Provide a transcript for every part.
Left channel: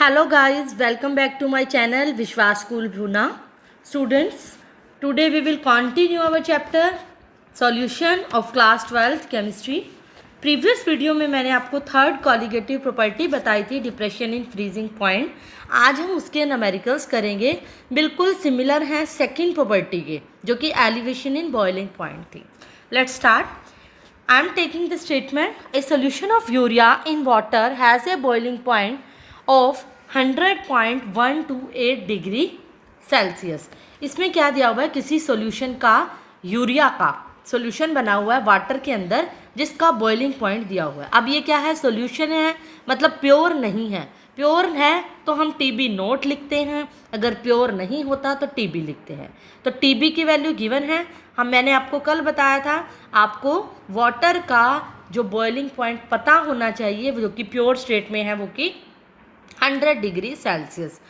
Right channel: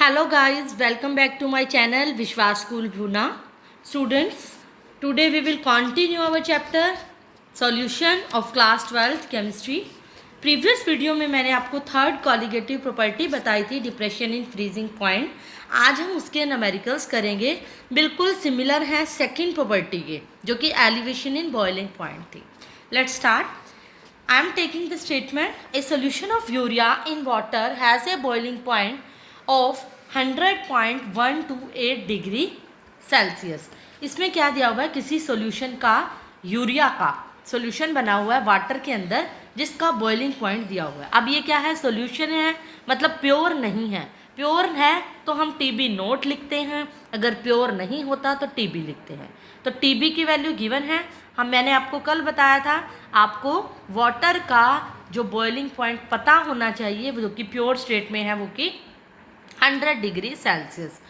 Hello guys, welcome back to my channel Vishwas School Bhuna. Students, today we will continue our chapter Solution of Class 12th Chemistry. Previous video में मैंने आपको third colligative property बताई थी depression in freezing point. आज हम उसके numericals करेंगे, बिल्कुल सिमिलर हैं सेकंड प्रॉपर्टी के, जो कि एलिवेशन इन बॉइलिंग पॉइंट थी। Let's start. I am taking the statement, a solution of urea in water has a boiling point of 100.128 degree Celsius. इसमें क्या दिया हुआ है, किसी सॉल्यूशन का यूरिया का सॉल्यूशन बना हुआ है वाटर के अंदर जिसका बॉइलिंग पॉइंट दिया हुआ है। अब ये क्या है, सॉल्यूशन है, मतलब प्योर नहीं है। प्योर है तो हम टीबी नोट लिखते हैं, अगर प्योर नहीं होता तो टीबी लिखते हैं। तो टीबी की वैल्यू गिवन है। मैंने आपको कल बताया था, आपको वाटर का जो बॉइलिंग पॉइंट पता होना चाहिए जो कि प्योर स्टेट में है, वो कि 100 डिग्री सेल्सियस।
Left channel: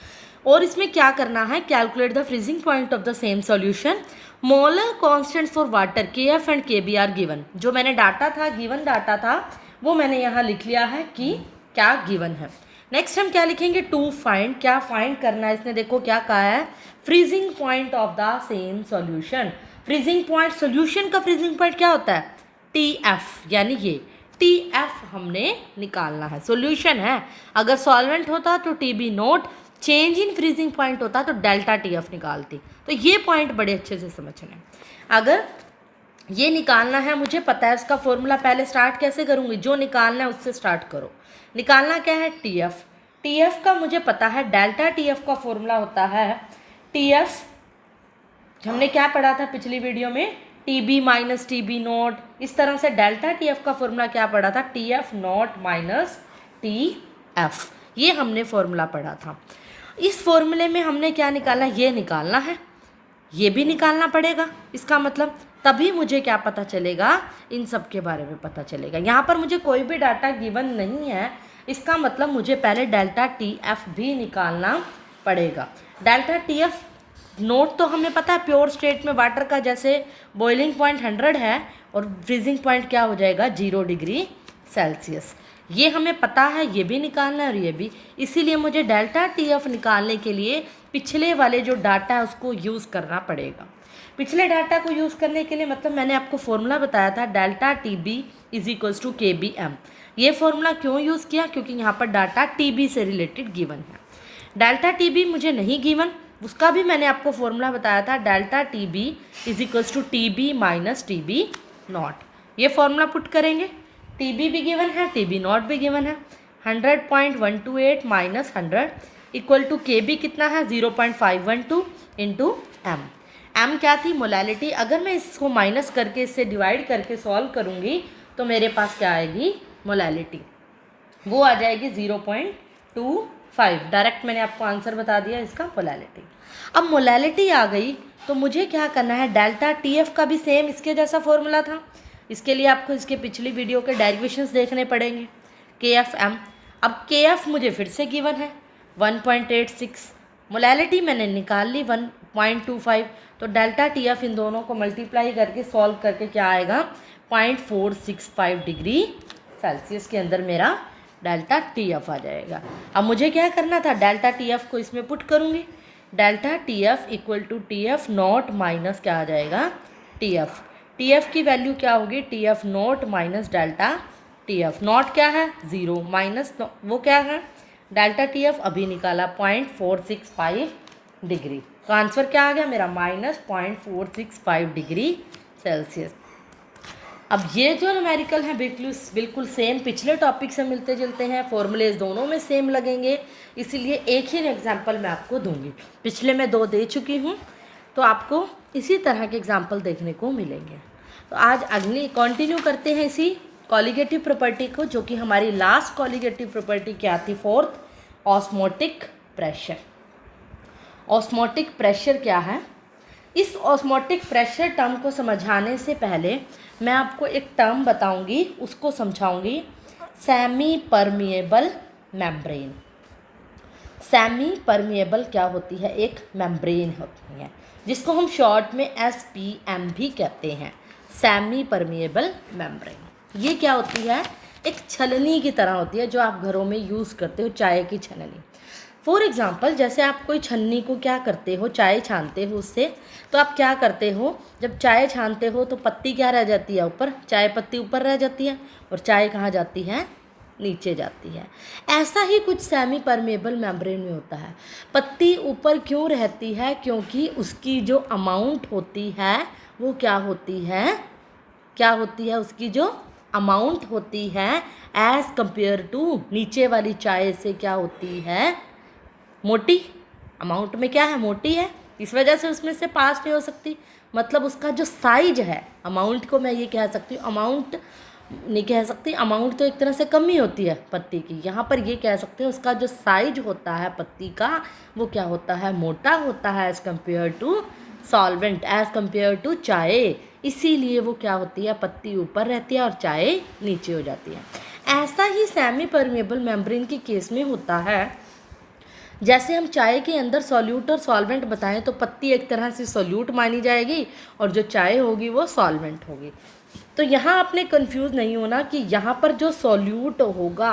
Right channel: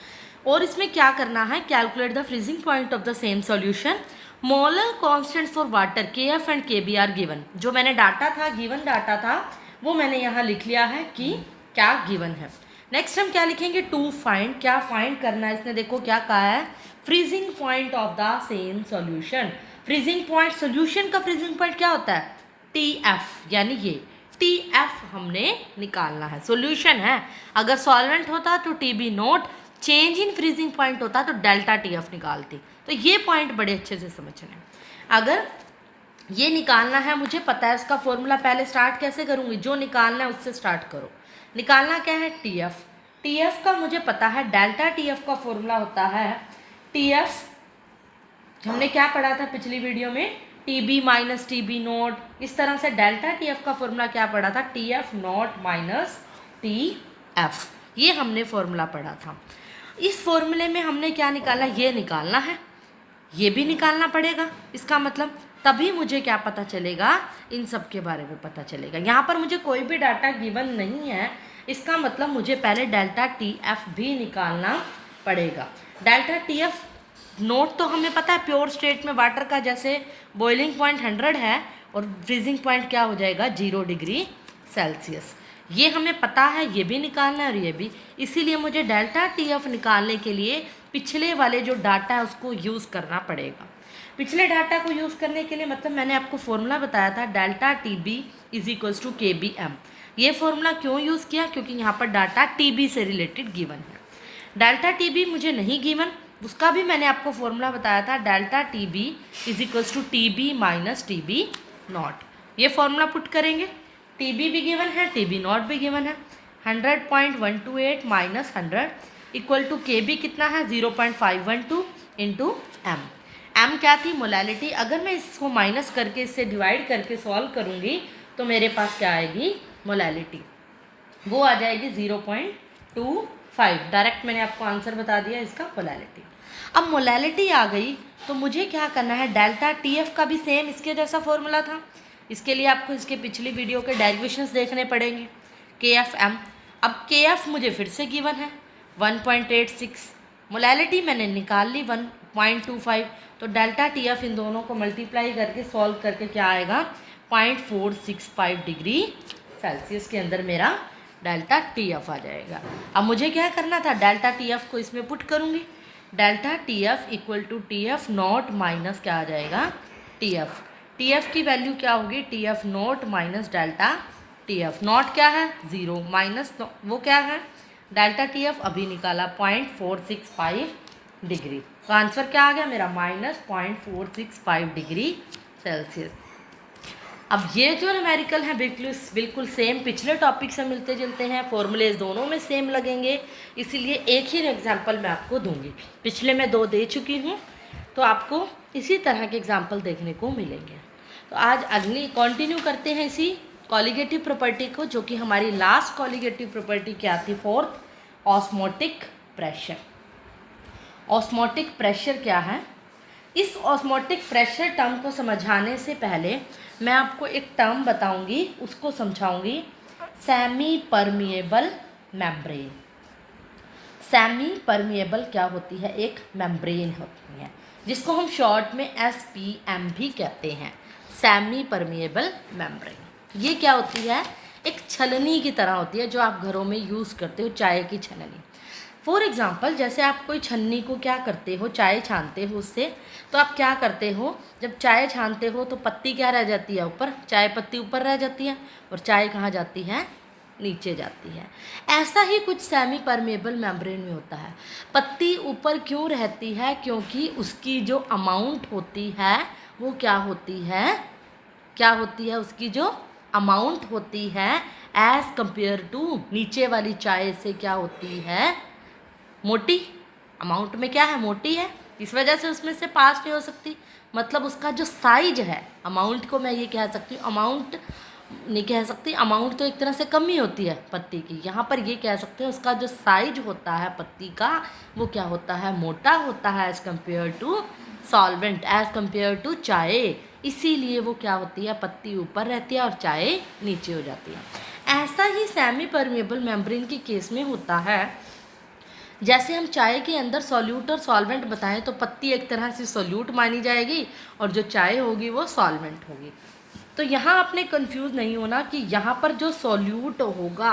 और इसमें क्या करना है, calculate the freezing point of the same solution. Molar constants for water KF and KB are given. जो मैंने डाटा था, गिवन डाटा था, वो मैंने यहाँ लिख लिया है कि क्या गिवन है। नेक्स्ट हम क्या लिखेंगे, टू फाइंड। क्या फाइंड करना है, इसने देखो क्या कहा है, freezing point of the same solution. Freezing point, solution का फ्रीजिंग पॉइंट क्या होता है, TF, यानी ये TF हमने निकालना है। सॉल्यूशन है, अगर सॉल्वेंट होता तो TB note, change in freezing point होता तो डेल्टा TF निकालती। तो ये पॉइंट बड़े अच्छे से समझना है। अगर ये निकालना है, मुझे पता है इसका फॉर्मूला, पहले स्टार्ट कैसे करूँगी, जो निकालना है उससे स्टार्ट करो। निकालना क्या है, TF। TF का मुझे पता है, डेल्टा TF का फॉर्मूला होता है TF, हमने क्या पढ़ा था पिछली वीडियो में, TB माइनस TB नोट। इस तरह से डेल्टा TF का फॉर्मूला क्या पढ़ा था, TF नोट माइनस TF। ये हमने फॉर्मूला पढ़ा था। इस फॉर्मूले में हमने क्या निकाला, ये निकालना है, ये भी निकालना पड़ेगा। इसका मतलब तभी मुझे क्या पता चलेगा, इन सब के बारे में पता चलेगा। यहाँ पर मुझे कोई भी डाटा गिवन नहीं है, इसका मतलब मुझे पहले डेल्टा TF भी निकालना पड़ेगा। डेल्टा TF नोट तो हमें पता है, प्योर स्टेट में वाटर का जैसे बॉइलिंग पॉइंट 100 है और फ्रीजिंग पॉइंट क्या हो जाएगा, 0 डिग्री सेल्सियस। ये हमें पता है, ये भी निकालना है और ये भी। इसीलिए मुझे डेल्टा TF निकालने के लिए पिछले वाले जो डाटा है उसको यूज़ करना पड़ेगा। पिछले डाटा को यूज़ करने के लिए मतलब मैंने आपको फॉर्मूला बताया था, delta TB is equals to KBM। ये फॉर्मूला क्यों यूज़ किया, क्योंकि यहाँ पर डाटा TB से रिलेटेड गिवन है। डेल्टा TB मुझे नहीं गिवन, उसका भी मैंने आपको फॉर्मूला बताया था, delta TB is equals to TB minus TB naught. ये फॉर्मूला पुट करेंगे, TB भी गिवन है, TB नॉट भी गिवन है। 100.128 माइनस 100 इक्वल टू KB कितना है, 0.512 इंटू M। M क्या थी, मोलैलिटी। अगर मैं इसको माइनस करके, इससे डिवाइड करके सॉल्व करूँगी तो मेरे पास क्या आएगी, मोलैलिटी, वो आ जाएगी 0.25। डायरेक्ट मैंने आपको आंसर बता दिया इसका, मोलैलिटी। अब मोलैलिटी आ गई तो मुझे क्या करना है, डेल्टा TF का भी सेम इसके जैसा फॉर्मूला था। इसके लिए आपको इसके पिछली वीडियो के डेरिवेशंस देखने पड़ेंगे। KFM, अब KF मुझे फिर से गिवन है 1.86, मोलैलिटी मैंने निकाल ली 1.25, तो डेल्टा TF इन दोनों को मल्टीप्लाई करके सॉल्व करके क्या आएगा, 0.465 डिग्री सेल्सियस के अंदर मेरा डेल्टा TF आ जाएगा। अब मुझे क्या करना था, डेल्टा TF को इसमें पुट करूँगी, delta TF equal to TF naught minus क्या आ जाएगा, TF। TF की वैल्यू क्या होगी, TF naught minus delta TF। Not क्या है, 0, माइनस वो क्या है, डेल्टा TF अभी निकाला 0.465 डिग्री। तो आंसर क्या आ गया मेरा, माइनस 0.465 डिग्री सेल्सियस। अब ये जो न्यूमेरिकल है बिल्कुल सेम पिछले टॉपिक से मिलते जुलते हैं, फॉर्मूलेज दोनों में सेम लगेंगे, इसीलिए एक ही एग्जाम्पल मैं आपको दूंगी। पिछले मैं 2 दे चुकी हूँ, तो आपको इसी तरह के एग्जाम्पल देखने को मिलेंगे। तो आज अगली कंटिन्यू करते हैं इसी कॉलिगेटिव प्रॉपर्टी को, जो कि हमारी लास्ट कॉलिगेटिव प्रॉपर्टी क्या थी, fourth, osmotic pressure. Osmotic pressure क्या है, इस ऑस्मोटिक प्रेशर टर्म को समझाने से पहले मैं आपको एक टर्म बताऊंगी, उसको समझाऊंगी, semi permeable membrane. Semi permeable क्या होती है, एक मेम्ब्रेन होती है जिसको हम शॉर्ट में SPM भी कहते हैं, सेमी परमिएबल मेम्ब्रेन। ये क्या होती है, एक छलनी की तरह होती है जो आप घरों में यूज़ करते हो, चाय की छलनी। फॉर एग्ज़ाम्पल जैसे आप कोई छन्नी को क्या करते हो, चाय छानते हो उससे, तो आप क्या करते हो, जब चाय छानते हो तो पत्ती क्या रह जाती है ऊपर, चाय पत्ती ऊपर रह जाती है और चाय कहाँ जाती है, नीचे जाती है। ऐसा ही कुछ सेमी परमेबल मेम्ब्रेन में होता है। पत्ती ऊपर क्यों रहती है, क्योंकि उसकी जो अमाउंट होती है वो क्या होती है, क्या होती है, उसकी जो अमाउंट होती है एज़ कंपेयर टू नीचे वाली चाय से क्या होती है, मोटी। अमाउंट में क्या है, मोटी है, इस वजह से उसमें से पास नहीं हो सकती। मतलब उसका जो साइज है, अमाउंट को मैं ये कह सकती हूँ, अमाउंट नहीं कह सकती, अमाउंट तो एक तरह से कम ही होती है पत्ती की, यहाँ पर ये कह सकते हैं उसका जो साइज होता है पत्ती का वो क्या होता है, मोटा होता है as compare to solvent, as compare to chai. इसीलिए वो क्या होती है, पत्ती ऊपर रहती है और चाय नीचे हो जाती है। ऐसा ही सेमी परमेबल मेम्ब्रेन के केस में होता है। जैसे हम चाय के अंदर सॉल्यूट और सॉल्वेंट बताएं तो पत्ती एक तरह से सॉल्यूट मानी जाएगी और जो चाय होगी वो सॉल्वेंट होगी। तो यहाँ आपने कंफ्यूज नहीं होना कि यहाँ पर जो सॉल्यूट होगा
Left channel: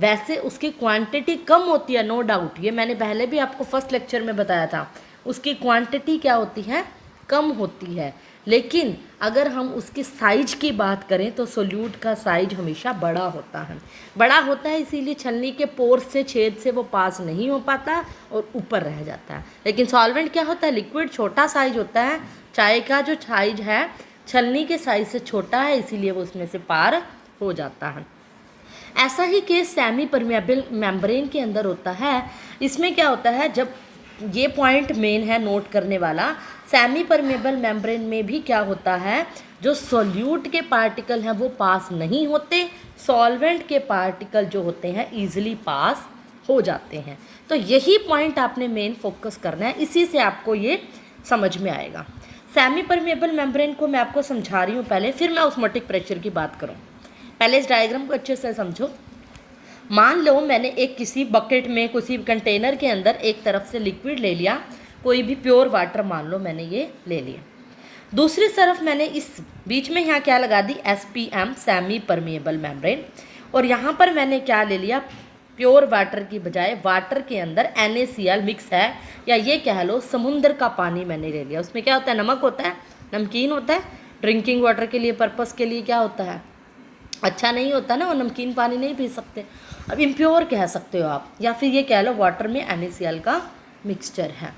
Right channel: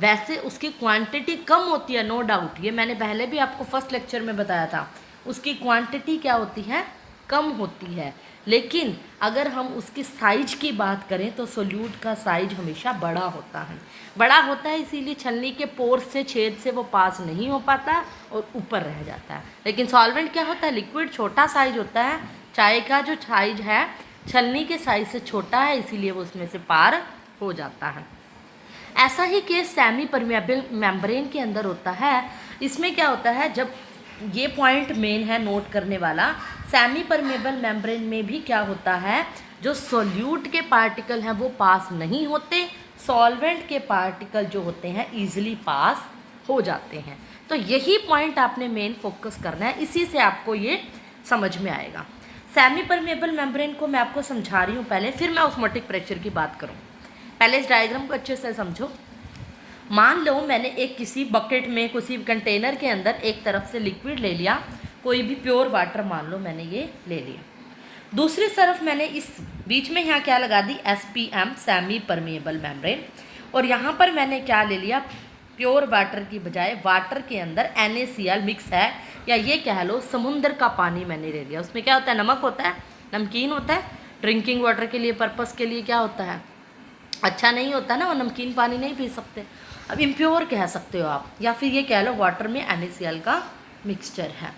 वैसे उसकी क्वांटिटी कम होती है, नो डाउट, ये मैंने पहले भी आपको फर्स्ट लेक्चर में बताया था, उसकी क्वांटिटी क्या होती है, कम होती है। लेकिन अगर हम उसकी साइज की बात करें तो सोल्यूट का साइज हमेशा बड़ा होता है, बड़ा होता है, इसीलिए छलनी के पोर्स से, छेद से वो पास नहीं हो पाता और ऊपर रह जाता है। लेकिन सॉल्वेंट क्या होता है, लिक्विड छोटा साइज होता है, चाय का जो साइज है छलनी के साइज से छोटा है, इसीलिए वो उसमें से पार हो जाता है। ऐसा ही केस सेमी परमेबल मेम्ब्रेन के अंदर होता है। इसमें क्या होता है, जब ये पॉइंट मेन है नोट करने वाला, सेमी परमेबल मेम्ब्रेन में भी क्या होता है, जो सॉल्यूट के पार्टिकल हैं वो पास नहीं होते, सॉल्वेंट के पार्टिकल जो होते हैं ईजिली पास हो जाते हैं। तो यही पॉइंट आपने मेन फोकस करना है, इसी से आपको ये समझ में आएगा। सेमी परमेबल मेम्ब्रेन को मैं आपको समझा रही हूँ पहले, फिर मैं ऑस्मोटिक प्रेशर की बात करूँ। पहले इस डायग्राम को अच्छे से समझो। मान लो मैंने एक किसी बकेट में, किसी कंटेनर के अंदर एक तरफ से लिक्विड ले लिया, कोई भी प्योर वाटर मान लो मैंने ये ले लिया। दूसरी तरफ मैंने इस बीच में यहाँ क्या लगा दी, SPM सेमी परमेबल मेम्ब्रेन, और यहाँ पर मैंने क्या ले लिया, प्योर वाटर की बजाय वाटर के अंदर NaCl मिक्स है, या ये कह लो समुद्र का पानी मैंने ले लिया। उसमें क्या होता है, नमक होता है, नमकीन होता है, ड्रिंकिंग वाटर के लिए पर्पस के लिए क्या होता है, अच्छा नहीं होता ना, और नमकीन पानी नहीं पी सकते। अब इम्प्योर कह सकते हो आप, या फिर ये कह लो वाटर में NaCl का मिक्सचर है।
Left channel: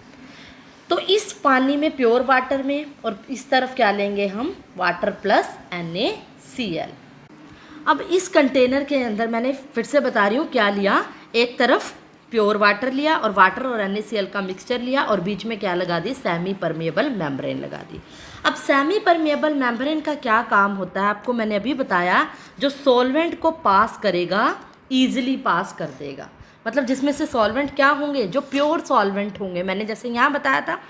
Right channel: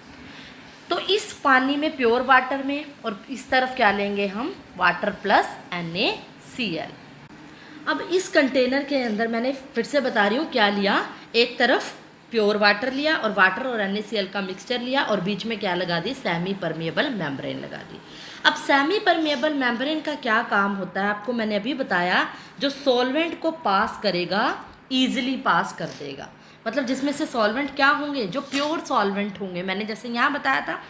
तो इस पानी में, प्योर वाटर में, और इस तरफ क्या लेंगे हम, वाटर प्लस NaCl। अब इस कंटेनर के अंदर मैंने फिर से बता रही हूँ क्या लिया, एक तरफ प्योर वाटर लिया और वाटर और NaCl का मिक्सचर लिया, और बीच में क्या लगा दी, सेमी परमेबल मेम्ब्रेन लगा दी। अब सेमी परमेबल मेम्ब्रेन का क्या काम होता है, आपको मैंने अभी बताया, जो सॉल्वेंट को पास करेगा ईजिली पास कर देगा। मतलब जिसमें से सॉल्वेंट क्या होंगे, जो प्योर सॉल्वेंट होंगे, मैंने जैसे यहाँ बताया था,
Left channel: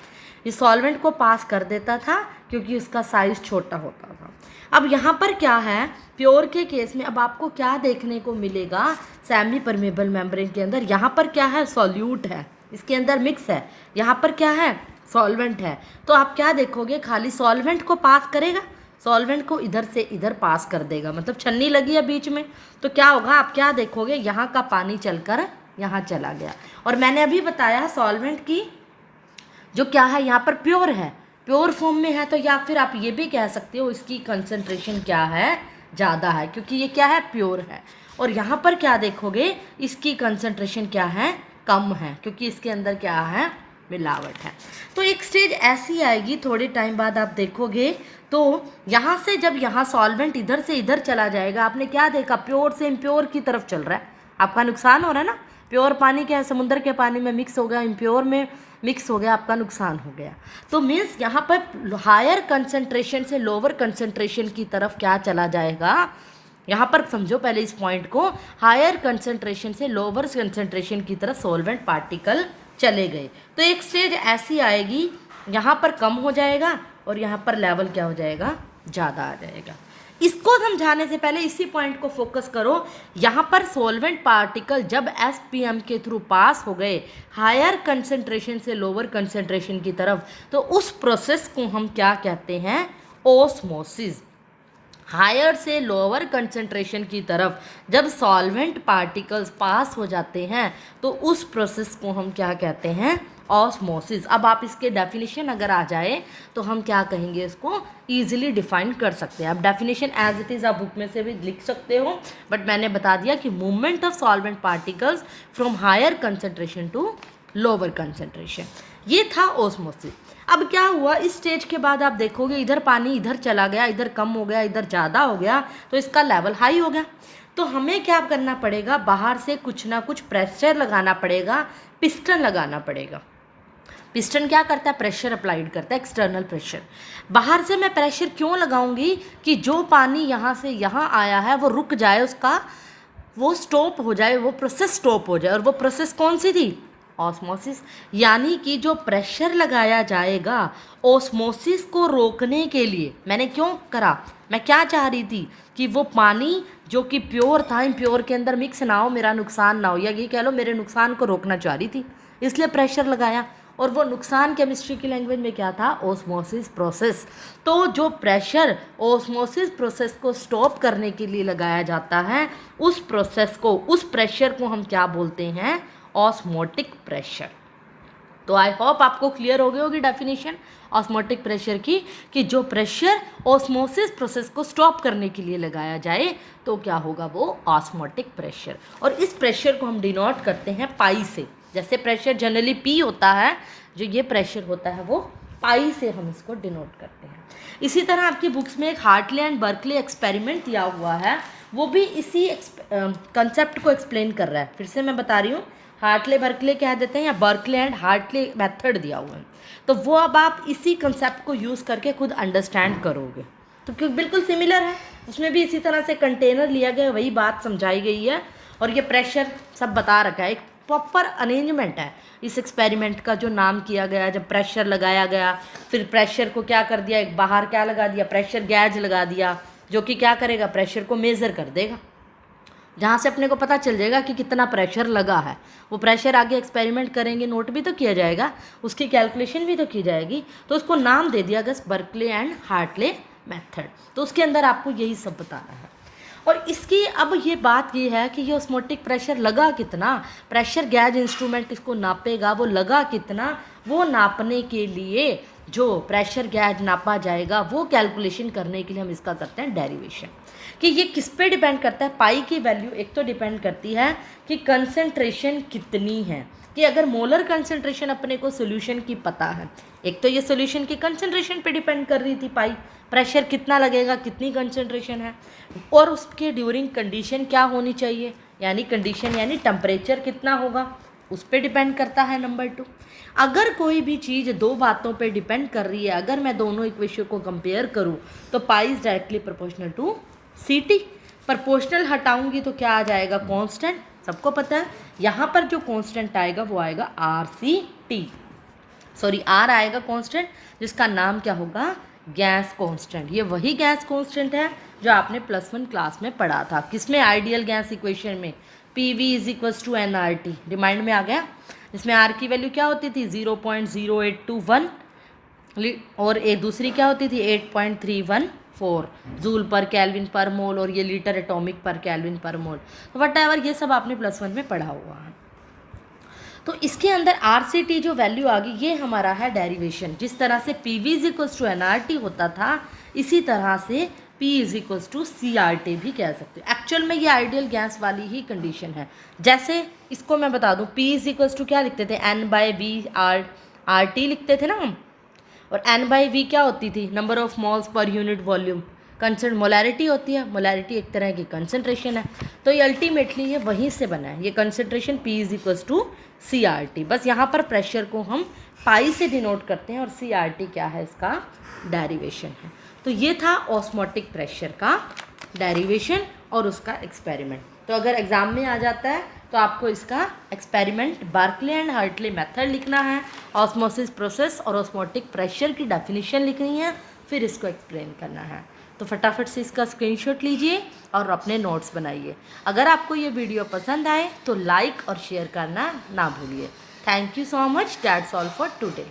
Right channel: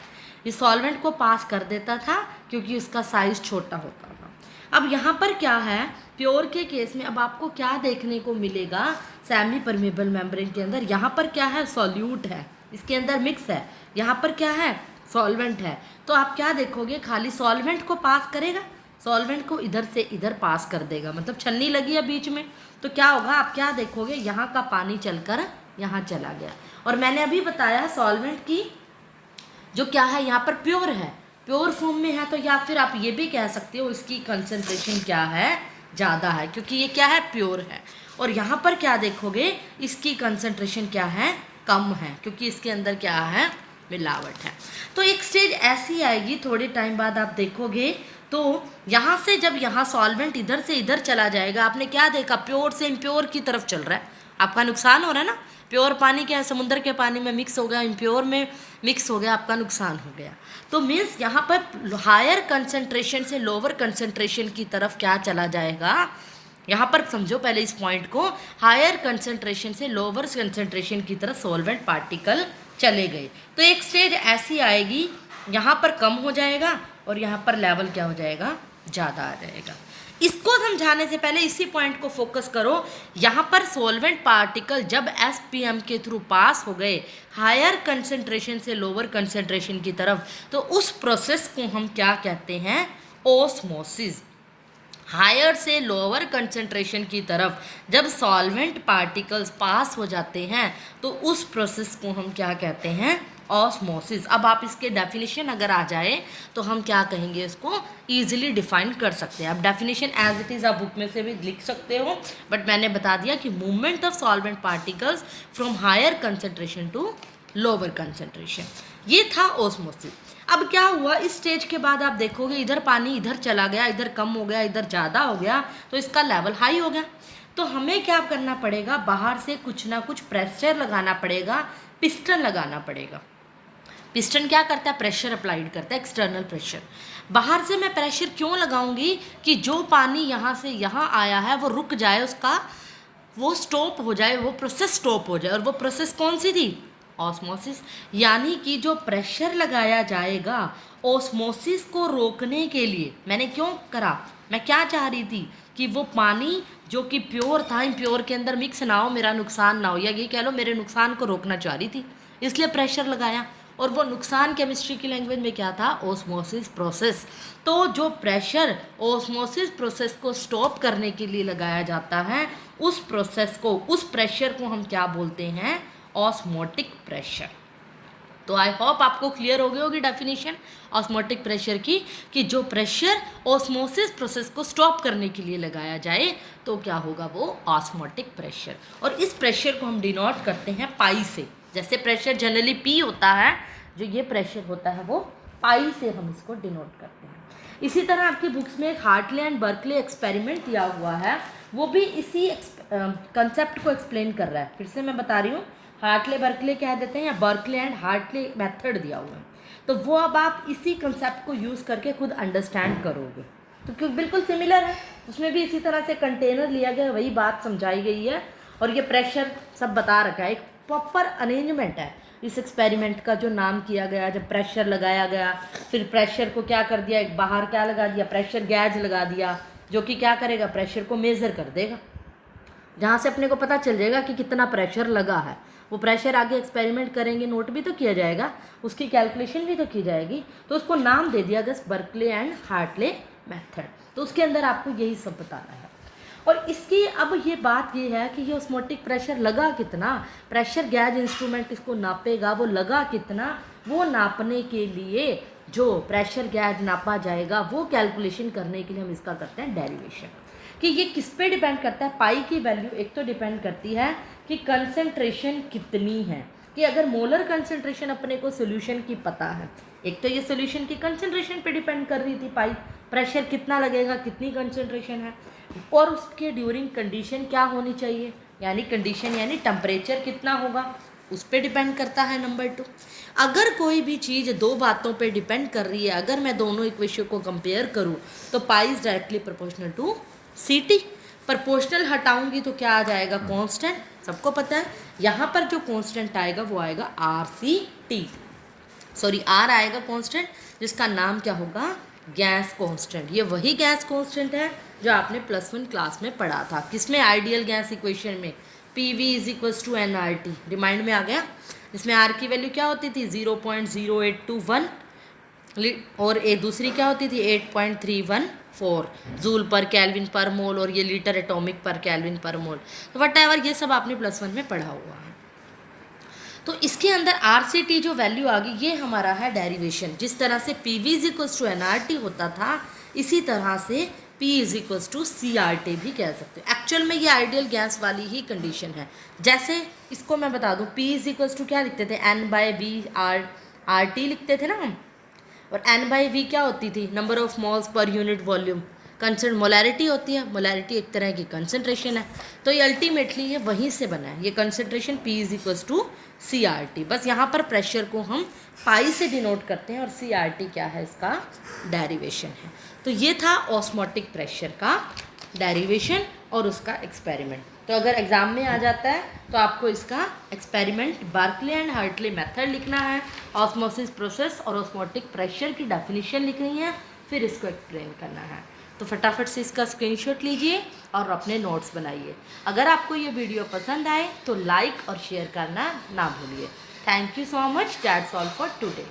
ये सॉल्वेंट को पास कर देता था क्योंकि उसका साइज छोटा होता था। अब यहाँ पर क्या है, प्योर के केस में अब आपको क्या देखने को मिलेगा, सेमी परमेबल मेम्ब्रेन के अंदर यहाँ पर क्या है, सॉल्यूट है, इसके अंदर मिक्स है, यहाँ पर क्या है, सॉल्वेंट है। तो आप क्या देखोगे, खाली सॉल्वेंट को पास करेगा, सॉल्वेंट को इधर से इधर पास कर देगा, मतलब छन्नी लगी है बीच में, तो क्या होगा, आप क्या देखोगे, यहाँ का पानी चलकर यहाँ चला गया। और मैंने अभी बताया सॉल्वेंट की जो क्या है, यहाँ पर प्योर है, प्योर फॉर्म में है, तो या फिर आप ये भी कह सकते हो इसकी कंसंट्रेशन क्या है, ज़्यादा है, क्योंकि ये क्या है, प्योर है। और यहाँ पर क्या देखोगे, इसकी कंसंट्रेशन क्या है, कम है, क्योंकि इसके अंदर क्या है, मिलावट है। तो एक स्टेज ऐसी आएगी, थोड़े टाइम बाद आप देखोगे, तो यहाँ से जब यहाँ सॉल्वेंट इधर से इधर चला जाएगा, आपने क्या देखा, प्योर से इम्प्योर की तरफ चल रहा है, आपका नुकसान हो रहा है ना। प्योर पानी क्या है, समुद्र के पानी में मिक्स हो गया, इम्प्योर में मिक्स हो गया, आपका नुकसान हो गया। तो मीन्स यहाँ पर हायर कंसंट्रेशन से लोअर कंसंट्रेशन की तरफ क्या चला जाएगा, यहाँ पर समझो पहले इस पॉइंट को, हायर कंसंट्रेशन से लोअर कंसंट्रेशन की तरफ सॉल्वेंट पार्टिकल चले गए। तो एक स्टेज ऐसी आएगी, यहाँ पर कम हो जाएगा और यहाँ पर लेवल क्या हो जाएगा, ज़्यादा आ जाएगा। इसको समझाने से पहले इसी पॉइंट को फोकस करो, यहाँ पर सॉल्वेंट पार्टिकल जब SPM के थ्रू पास हो गए हायर कंसंट्रेशन से लोअर कंसंट्रेशन की तरफ, तो उस प्रोसेस को हम क्या कहते हैं, ओस्मोसिस। हायर से लोअर कंसंट्रेशन की तरफ जब सॉल्वेंट पार्टिकल्स पास हो जाते हैं तो उस प्रोसेस को हम क्या कहते हैं, ऑस्मोसिस। अब आप इसके डेफिनेशन अगर आ जाए तो हम क्या कहेंगे, इसको ईजिली डिफाइन कर सकते हैं। अब डेफिनेशन एज इट इज़ आप बुक में से भी लिख सकते हो, बट मैंने बता दिया कि movement of solvent particles from higher concentration to lower concentration, ये था ऑस्मोसिस। अब क्या हुआ, इस स्टेज के बाद आप देखोगे इधर पानी इधर चला गया, इधर कम हो गया, इधर ज़्यादा हो गया, तो इसका लेवल हाई हो गया। तो हमें क्या करना पड़ेगा, बाहर से कुछ ना कुछ प्रेशर लगाना पड़ेगा, पिस्टन लगाना पड़ेगा। पिस्टन क्या करता है, प्रेशर अप्लाइड करता है, एक्सटर्नल प्रेशर। बाहर से मैं प्रेशर क्यों लगाऊंगी कि जो पानी यहाँ से यहाँ आया है वो रुक जाए, उसका वो स्टॉप हो जाए, वो प्रोसेस स्टॉप हो जाए। और वो प्रोसेस कौन सी थी, ऑस्मोसिस। यानी कि जो प्रेशर लगाया जाएगा ऑस्मोसिस को रोकने के लिए, मैंने क्यों करा, मैं क्या चाह रही थी कि वो पानी जो कि प्योर था, इम्प्योर के अंदर मिक्स ना हो, मेरा नुकसान ना हो, या ये कह लो मेरे नुकसान को रोकना चाह रही थी, इसलिए प्रेशर लगाया। और वो नुकसान केमिस्ट्री की लैंग्वेज में क्या था, ऑस्मोसिस प्रोसेस। तो जो प्रेशर ऑस्मोसिस प्रोसेस को स्टॉप करने के लिए लगाया जाता है, उस प्रोसेस को, उस प्रेशर को हम क्या बोलते हैं, ऑस्मोटिक प्रेशर। तो आई होप आपको क्लियर हो गई होगी डेफिनेशन ऑस्मोटिक प्रेशर की, कि जो प्रेशर ऑस्मोसिस प्रोसेस को स्टॉप करने के लिए लगाया जाए तो क्या होगा, वो ऑस्मोटिक प्रेशर। और इस प्रेशर को हम डिनोट करते हैं पाई से। जैसे प्रेशर जनरली पी होता है, जो ये प्रेशर होता है वो पाई से हम इसको डिनोट करते हैं। इसी तरह आपकी बुक्स में एक हार्टले एंड बर्कले एक्सपेरिमेंट दिया हुआ है, वो भी इसी कंसेप्ट को एक्सप्लेन कर रहा है। फिर से मैं बता रही हूँ, हार्टले बर्कले कह देते हैं, या बर्कले एंड हार्टले मेथड दिया हुआ है, तो वो अब आप इसी कंसेप्ट को यूज़ करके खुद अंडरस्टैंड करोगे। तो क्योंकि बिल्कुल सिमिलर है, उसमें भी इसी तरह से कंटेनर लिया गया, वही बात समझाई गई है, और ये प्रेशर सब बता रखा है। एक प्रॉपर अरेंजमेंट है इस एक्सपेरिमेंट का, जो नाम किया गया, जब प्रेशर लगाया गया, फिर प्रेशर को क्या कर दिया, एक बाहर क्या लगा दिया, प्रेशर गैज लगा दिया, जो कि क्या करेगा, प्रेशर को मेज़र कर देगा, जहाँ से अपने को पता चल जाएगा कि कितना प्रेशर लगा है। वो प्रेशर आगे एक्सपेरिमेंट करेंगे, नोट भी तो किया जाएगा, उसकी कैलकुलेशन भी तो की जाएगी। तो उसको नाम दे दिया गया बर्कले एंड हार्टले मेथड। तो उसके अंदर आपको यही सब बताना है। और इसकी अब ये बात ये है कि ये ऑस्मोटिक प्रेशर लगा कितना, प्रेशर गैज इंस्ट्रूमेंट इसको नापेगा, वो लगा कितना, वो नापने के लिए जो प्रेशर गैज नापा जाएगा वो कैलकुलेशन करने के लिए हम इसका करते हैं डेरिवेशन। कि ये किस पे डिपेंड करता है, पाई की वैल्यू एक तो डिपेंड करती है कि कंसंट्रेशन कितनी है, कि अगर मोलर कंसंट्रेशन अपने को सोल्यूशन की पता है, एक तो ये सोल्यूशन की कंसंट्रेशन पे डिपेंड कर रही थी पाई, प्रेशर कितना लगेगा, कितनी कंसंट्रेशन है, और उसके ड्यूरिंग कंडीशन क्या होनी चाहिए, यानी कंडीशन यानी टेम्परेचर कितना होगा, उस पर डिपेंड करता है। नंबर 2, अगर कोई भी चीज़ दो बातों पे डिपेंड कर रही है, अगर मैं दोनों इक्वेशन को कंपेयर करूँ तो pi is directly proportional to C T. Proportional हटाऊंगी तो क्या आ जाएगा, कांस्टेंट, सबको पता है। यहाँ पर जो कांस्टेंट आएगा वो आएगा R C T, sorry R आएगा कांस्टेंट, जिसका नाम क्या होगा, गैस कांस्टेंट। ये वही गैस कांस्टेंट है जो आपने +1 क्लास में पढ़ा था, किसमें, आइडियल गैस इक्वेशन में, P V is equals to N R T, remind में आ गया। इसमें आर की वैल्यू क्या होती थी, 0.0821, और ए दूसरी क्या होती थी, 8.314 जूल पर केल्विन पर मोल, और ये लीटर एटॉमिक पर केल्विन पर मोल। तो वट एवर ये सब आपने +1 में पढ़ा हुआ है। तो इसके अंदर आर सी टी जो वैल्यू आ गई, ये हमारा है डेरिवेशन। जिस तरह से P V is equals to N R T होता था, इसी तरह से P is equals to C R T भी कह सकते हो। एक्चुअल में ये आइडियल गैस वाली ही कंडीशन है। जैसे इसको मैं बता दूँ, पी इज इक्वल्स टू क्या लिखते थे, N by V R T लिखते थे ना हम, और एन बाई वी क्या होती थी, number of malls per unit volume. Molarity होती है, मोलैरिटी एक तरह की कंसंट्रेशन है। तो ये अल्टीमेटली ये वहीं से बना है, ये concentration P is equals to C R T. बस यहाँ पर प्रेशर को हम पाई से डिनोट करते हैं, और सी आर टी क्या है, इसका डेरिवेशन है। तो ये था ऑस्मोटिक प्रेशर का डेरिवेशन और उसका एक्सपेरिमेंट। तो अगर एग्ज़ाम में आ जाता है तो आपको इसका experiment Berkeley and Hartley method लिखना है, ऑस्मोसिस प्रोसेस और ऑस्मोटिक प्रेशर की डेफिनेशन लिखनी है, फिर इसको एक्सप्लेन करना है। तो फटाफट से इसका स्क्रीनशॉट लीजिए और अपने नोट्स बनाइए। अगर आपको ये वीडियो पसंद आए तो लाइक और शेयर करना ना भूलिए। Thank you so much, that's all for today.